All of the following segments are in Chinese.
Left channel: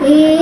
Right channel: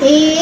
一。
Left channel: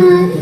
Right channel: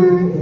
Bye.